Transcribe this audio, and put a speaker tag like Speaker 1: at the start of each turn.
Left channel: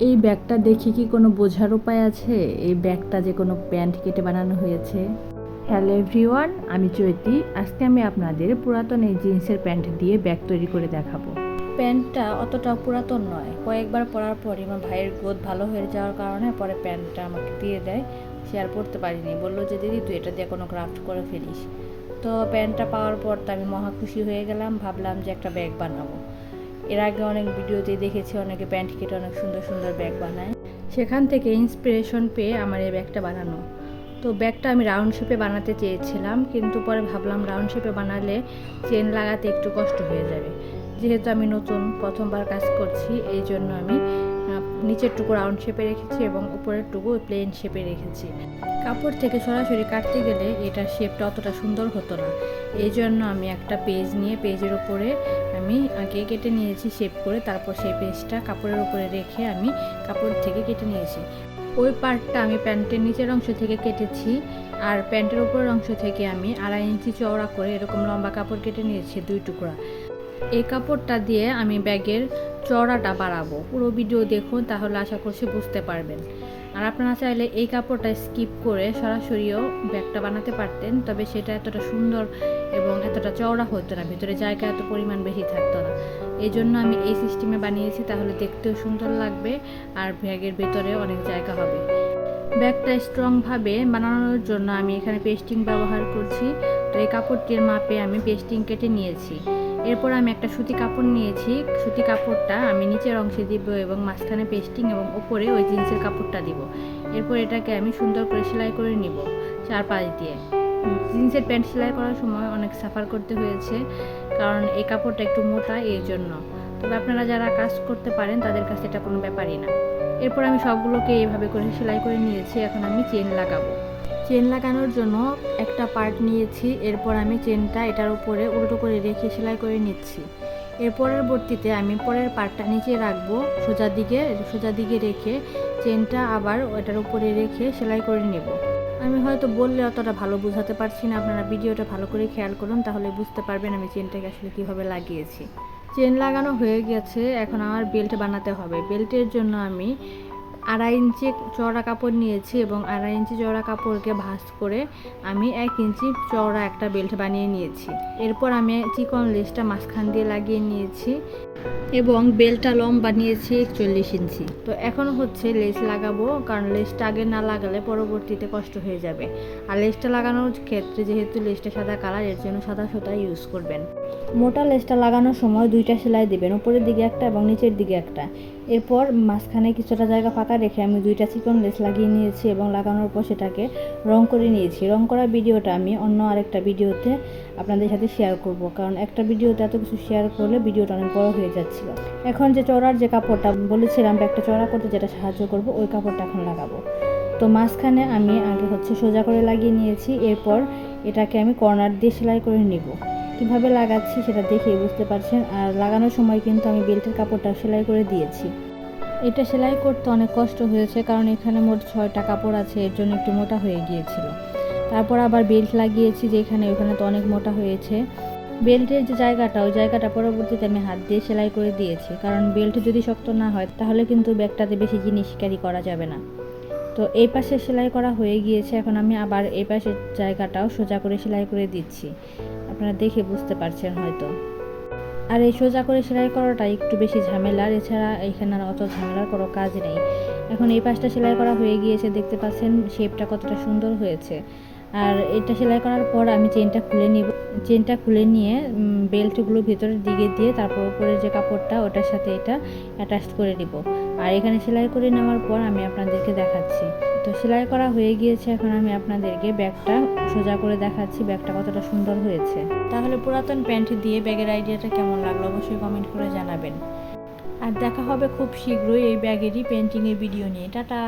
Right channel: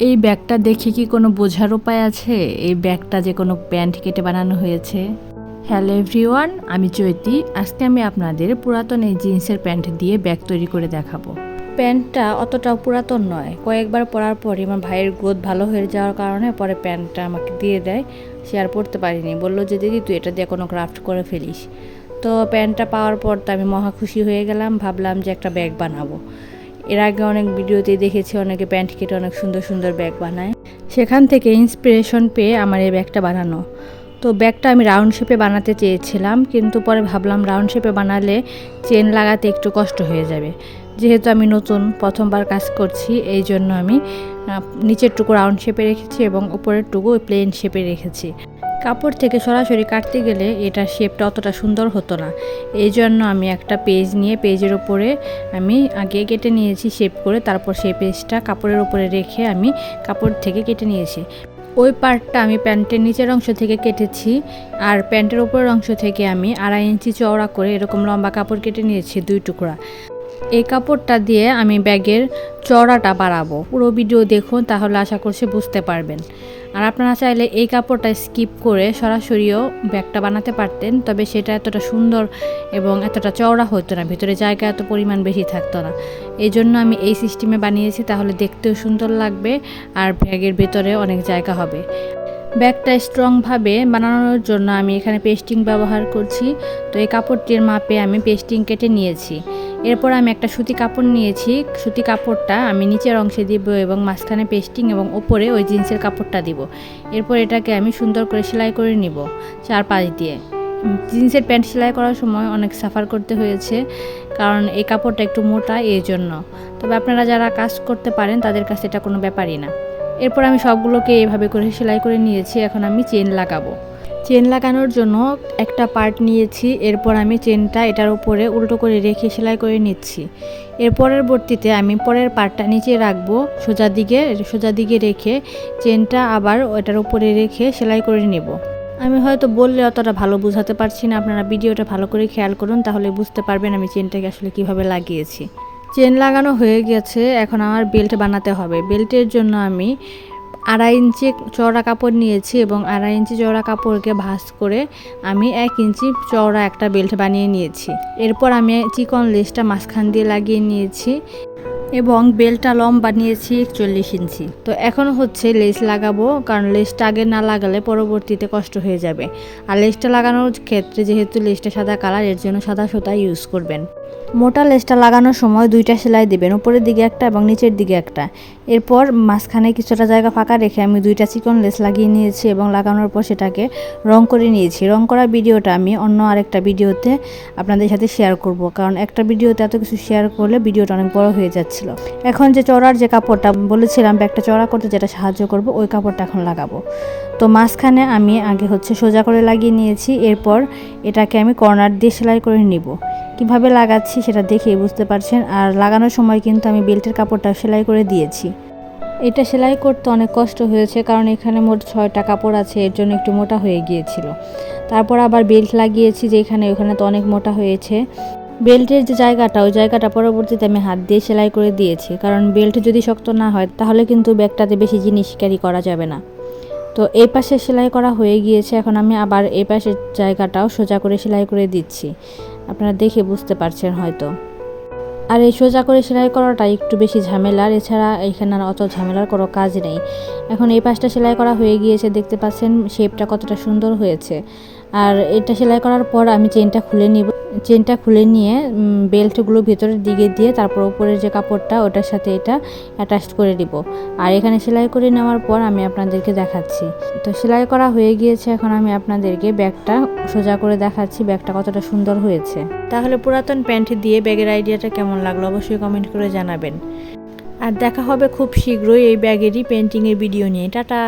Speaker 1: এই ব্যাগটা দেখে কি কোনো বোঝার উপায় আছে? এই ব্যাগটা যে কোনো প্যান্ট কেটে বানানো হয়েছে। হ্যালো এভরিওয়ান, আমি চৈতি। আজকে আমি আপনাদের পুরাতন এই জিন্সের প্যান্ট দিয়ে ব্যাগ তৈরি করে দেখাবো। প্যান্টটা অতটাও পুরাতন নয়। কয়েকবার পরার পরে আমার ভাইয়ের গ্রোথ ভালো হয়ে যাওয়ার কারণে পরে প্যান্টটা আমাকে দিয়ে দেয়। সে আর পরতে পারিনি। বলল যে দিদি তুই এটা দিয়ে কোনো ক্রাফট করে ফেলিস। তো প্যান্টটা পাওয়ার পর তো আমি মহা খুশি হয়ে গেলাম। ভাবলাম যে একটা ব্যাগ বানাবো। এর আগে অনেক ভিডিওতে দেখেছি অনেকে প্যান্ট কেটে অনেক সুন্দর সুন্দর ব্যাগ বানায়। সেখান থেকে ইন্সপিরেশন পেয়ে আমার এই ব্যাগটা বানানো। তো ব্যাগটা আমি রাউন্ড শেপে বানাতে চেয়েছিলাম, কিন্তু পরে ভাবলাম রাউন্ড শেপে বানালে চেন লাগাতে একটু কষ্ট হয়ে যাবে। যেহেতু আমি নতুন প্রথমবার কাজ করছি, এই জন্য আমি নিচের টুকু রাউন্ড শেপে রেখেছি এবং উপরের টুকু প্লেন শেপে রেখেছি। কাপড় থেকে সরাসরি কাটতে গেলে এটার শেপটা অতটা সুন্দর হতো না। এই জন্য আমি একটা পেজ নিয়ে পেজের উপরে আমি আগে কেটে নিয়েছি শেপ করে, তারপর সেই পেজটা কাপড়ের উপরে রেখে আমি কাপড় থেকে কেটে নিয়েছি। ওই পার্টটা আমি প্যান্টের নিচের অংশ থেকে কেটেছি আর প্যান্টের উপরের অংশ থেকে আমি আড়াই ইঞ্চি চওড়া করে এরকম লম্বা কাপড় কেটে নিয়েছি দুই টুকরা। এই কাপড়টা দিয়ে আমি ব্যাগের চওড়াটা বাড়াবো। পুরো ভিডিও দেখুন তাহলে আশা করছি বুঝতে পারবেন। আর আপনারা চাইলে এই কাপড়টা স্কিপ করে সরাসরিও ব্যাগটা বানাতে পারতেন, তবে সেটা এতটা সুন্দর এবং এতটা চওড়া হতো না, ভিতরে জায়গা এত পরিমাণ বেশি থাকতো না। এই জন্য আমি এই সিস্টেমে বানিয়েছি, তাহলে দেখতেও সুন্দর লাগবে আর ব্যাগের ভেতরে অনেক জায়গা হবে। ব্যাগটা স্ট্রংভাবে বানানোর জন্য আমি এখানে পেস্টিং ব্যবহার করছি। তো এই কাপড়টির মাপে আমি পেস্টিং কেটে নিয়েছি। এরপর আমি একটা সুতি কাপড় নিয়েছি। সুতি কাপড়টা আমি নিচের অংশে দিব এবং মাঝখানে পেস্টিং এবং ওপরে ওই জিন্সের কাপড়টা দিব। এরপর এটাকে আমি সুন্দর করে সেলাই করে নিব চার পাঁচ দিয়ে। জিন্সের প্যান্ট সেলাই করার সময় অনেক সাফার করতে হয়েছে কারণ এই কাপড়টা একটু মোটা এই জন্য। তবে আপনারা যারা কাজ করতে পারেন তাদের কাছে এটা কোনো ব্যাপারই না। এরপর আমি সবগুলোকে এভাবে করে সেলাই করে নিয়েছি, এখন আমি চেন লাগাবো। চেন লাগানোর জন্য একটা পার্ট নিয়েছি, এরপর আমি চেনটা এটার উপরে উল্টো করে রেখে সেলাই করে নিচ্ছি। এর পরবর্তীতে আমি পরের পার্টটা নিচে রাখব, সোজা দিকে সোজা দিকে রেখে চেনটা আবার ওটার উপরে রেখে সেলাই করে নেব। আমি হয়তো বললে অতটা ভালো বোঝাতে পারছি না, আপনারা ভিডিওটা ভালো করে খেয়াল করুন, তাহলে বুঝতে পারবেন আমি চেনটাকে আসলে কীভাবে লাগিয়েছি। চেন লাগানো হয়ে গেছে, এখন আমার বেল্ট বানাতে হবে। বেল্টের জন্য আমি আড়াই ইঞ্চি চওড়া কাপড় নিয়েছি এবং আড়াই ইঞ্চি চওড়া কাপড়কে ভাঁজ করে আমি এক ইঞ্চি চওড়া একটা বেল্ট বানিয়ে নিয়েছি। এরপর আমি চিকন লেসটা মাঝখান দিয়ে লাগিয়ে নিয়েছি এবং বেল্টটা লম্বা নিয়েছি একচল্লিশ ইঞ্চি। তো এখন হচ্ছে লেস লাগাবো, কারণ লেসটা আগে না লাগালে পরবর্তীতে কষ্ট হয়ে যাবে। আর লেসটা লাগানোর ক্ষেত্রে যেহেতু লেসটা সাদা কালার, এর জন্য সাদা সুতা ইউজ করবেন। মোটা লেসটা লাগানোর সময় দুইটা সেলাই দিবেন, উপরের দিকে একটা এবং নিচের দিকে একটা। এরপর মাঝখানে কিছুটা জায়গা ফাঁকা রেখে আমি দুইটা চিকন লেস লাগিয়ে নিয়েছি এবং লাগানোর পর সেটাকে রং করে নিয়েছি। রং করা ভিডিওটা আমি অন্য আরেকটা ভিডিওতে আপনাদের সাথে শেয়ার করব, কারণ একটা ভিডিওতে এত কিছু শেয়ার করলে ভিডিওটা অনেক বড় হয়ে যাচ্ছিল। এখন যে চড়ার যে কাপড়টা বলেছিলাম, ব্যাগটা চড়া করতে যেটা সাহায্য করব, ওই কাপড়টা এখন লাগাবো। তো মাঝখানে আমি আগে হচ্ছে সোজা করে লাগিয়ে নিয়েছি, এরপর এটাকে আমি কর্নার দিয়ে সেলাই করে নিব। কীভাবে লাগাচ্ছি সেটা দেখেই বুঝতে পারছেন। আর লাগানোর সময় কিন্তু আমি বেল্টের কাপড়টা সেলাই করে দিয়েছি। এটা সেলাই করতে অনেক কষ্ট হয়েছে, কারণ এখানে মোট ছয়টা কাপড় আছে, এর জন্য একটু মোটা হয়ে গিয়েছিল। তারপর আবার বেল্ট লাগিয়েছি যে এখানে ওখানে তো অনেক মোটা হয়েছে। বেল্টের যে জায়গাটা, ওই জায়গাটা পরবর্তীতে আমি হাত দিয়ে সেলাই করে দিয়েছি। কারণ বেল্ট যদি শক্ত না হয়, তাহলে কিন্তু ব্যাগটাতে বেশি জিনিস ক্যারি করা যাবে না। তো এই পাশে সেলাই করা হয়ে গিয়েছে, এখন আমি আবার এই পাশের জায়গাটাও সোজা করে সেলাই করে দিচ্ছি। আপনারা দেখে বুঝতে পারছেন হয়তো। আর এই সোজা করে সেলাই করাটা একটু বেশি ঝামেলার এছাড়া এখানে আর অত ঝামেলার কোনো কাজ নেই। এখন এই পাশটা সেলাই করা হয়ে গিয়েছে, দেখতে পাচ্ছেন শেপটা কতটা সুন্দর হয়েছে। আর এটা সেলাই করার পর আমি চেনটা খুলে নিব। চেনটা খুলে নিয়ে বেল্টগুলো ভেতরের দিকে দিয়ে তারপর উপরের যে কাপড়টা, ওটার সাথে এটা অ্যাটাচ করে দিব আর এখানে সেলাই করে নেওয়ার পর আমি আপনাদেরকে দেখাচ্ছি। তো সেলাই করা হয়ে গিয়েছে, এখন আমি আপনাদেরকে ব্যাগটা সোজা করে দেখাচ্ছি, ব্যাগটা কতটা সুন্দর হয়েছে। তাহলে পুরাতন প্যান্ট দিয়ে ব্যাগের আইডিয়াটা কেমন লাগল অবশ্যই কমেন্ট করে জানাবেন। আর দেখা হবে খুব শীঘ্রই এই ব্যাগেরই পেন্টিংয়ের ভিডিও নিয়ে। টাটা!